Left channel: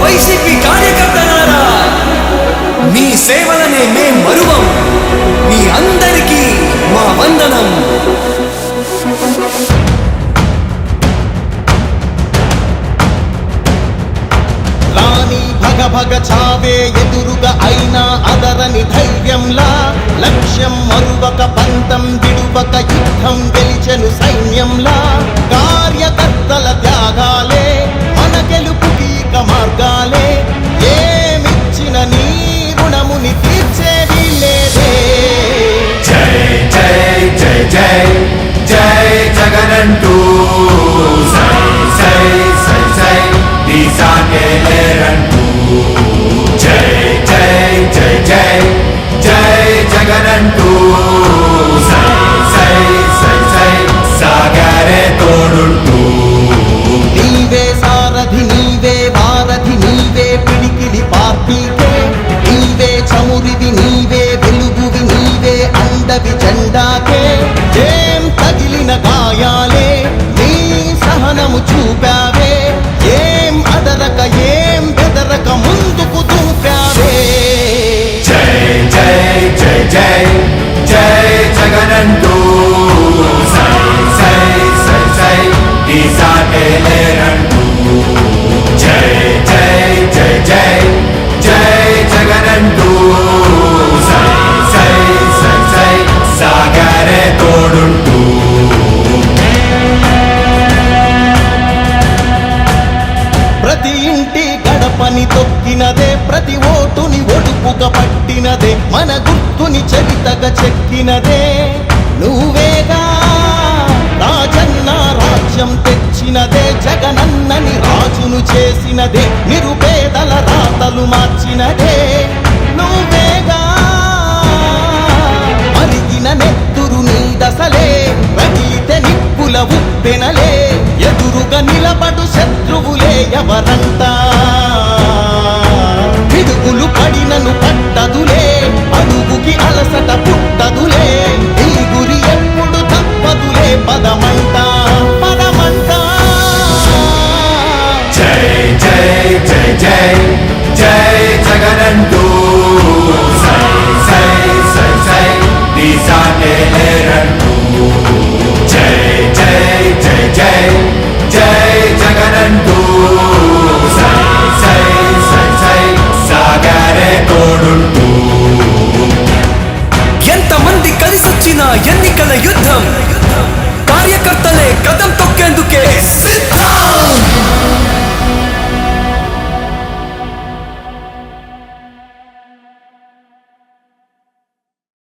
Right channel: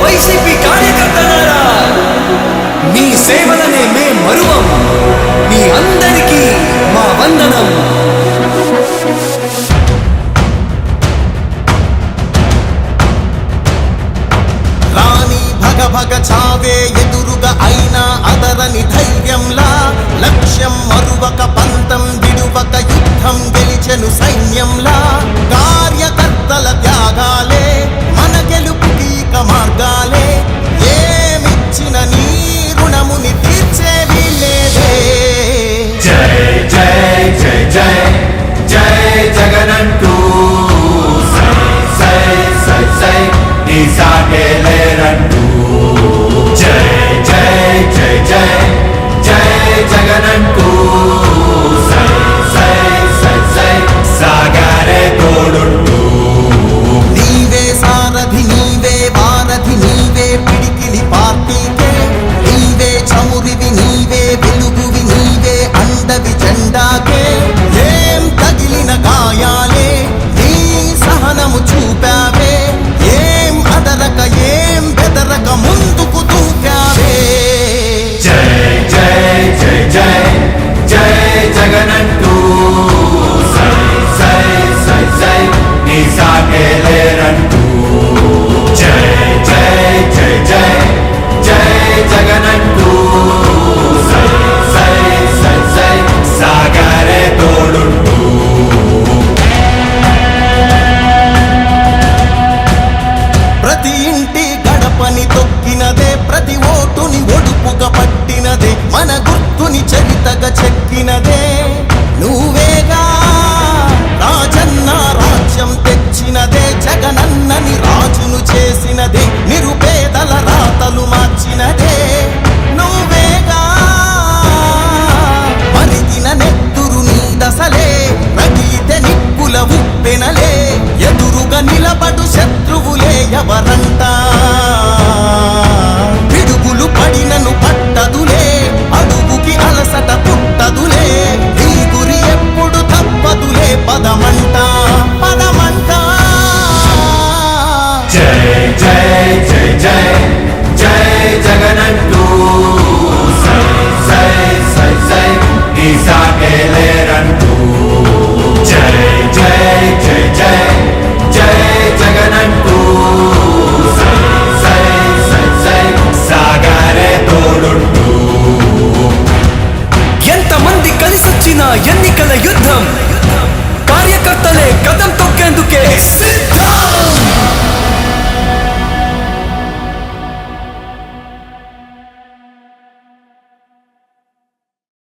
YCP కార్యకర్తలారా, మీ సేవలనే మే మరువం. మీ అందరికీ మా వందనం. రాణి భగ భగ చావే ఎదురుగా అయినా అదరని ధైర్యంలా, లక్ష్యం మరువక పంతం విడువక యుద్ధం గెలిచెను సైన్యంలా. కార్యకర్తల త్యాగాలే మన గెలుపుకి ఇక మార్గాలే. ఏమిచ్చిన నీ రుణముని తీర్చేది లేదే. జై జై జై జై జై జగనంటూ సై సై సై సై నీ సాగే లేరంటూ. జై జై జై జై జై జగనంటూ సై సై సై సై సాగరే తోడుంటూ. నీవే సారథి నీవే వారధి నీవే పిడికిలి పార్టీకే. నీవే చమురివి నీవే వెలుగువి నీవే అండవి జెండాకే. ఏం తగిలిన గాయాలే నీ సహనము చూపావే. ఏం అదరక ఏం బెదరక ముందుకు దూపావే. జై జై జై జై జై జగనంటూ సై సై సై సై నీ సాగే లేరంటూ. జై జై జై జై జై జగనంటూ సై సై సై సై సాగరే తోడుంటూ. ప్రతి ఇంటి గడపని తొక్కినదే, ప్రతి ఓటుని ఒడుపుగా పట్టినదే, మన గుర్తుని చరితగా చెక్కినదే నువ్వేగా. రాజన్న రాజ్యం తెచ్చినదే, జగనన్నని రాజును చేసినదే, నిరుపేదల రాతలు మార్చినదే నువ్వేగా. మరిగిన నెత్తురు నీ దశలే, రగిలితే నిప్పుల ఉప్పెనలే, ఎదురుగా నిలబడు శత్రువులే ఎవరంట. పిడుగులు పడినను పట్టదులే, అడుగుకి అలసట పుట్టదులే, నీ గురి ఎప్పుడు తప్పదులే, పదమంట పదమంట. జై జై జై జై జై జగనంటూ సై సై సై సై నీ సాగే లేరంటూ. జై జై జై జై జై జగనంటూ సై సై సై సై సాగరే తోడుంటూ. ఎంతమంది కలిసొచ్చిన ఎన్నికల యుద్ధం, కార్యకర్తలే కదం తొక్కేందుకే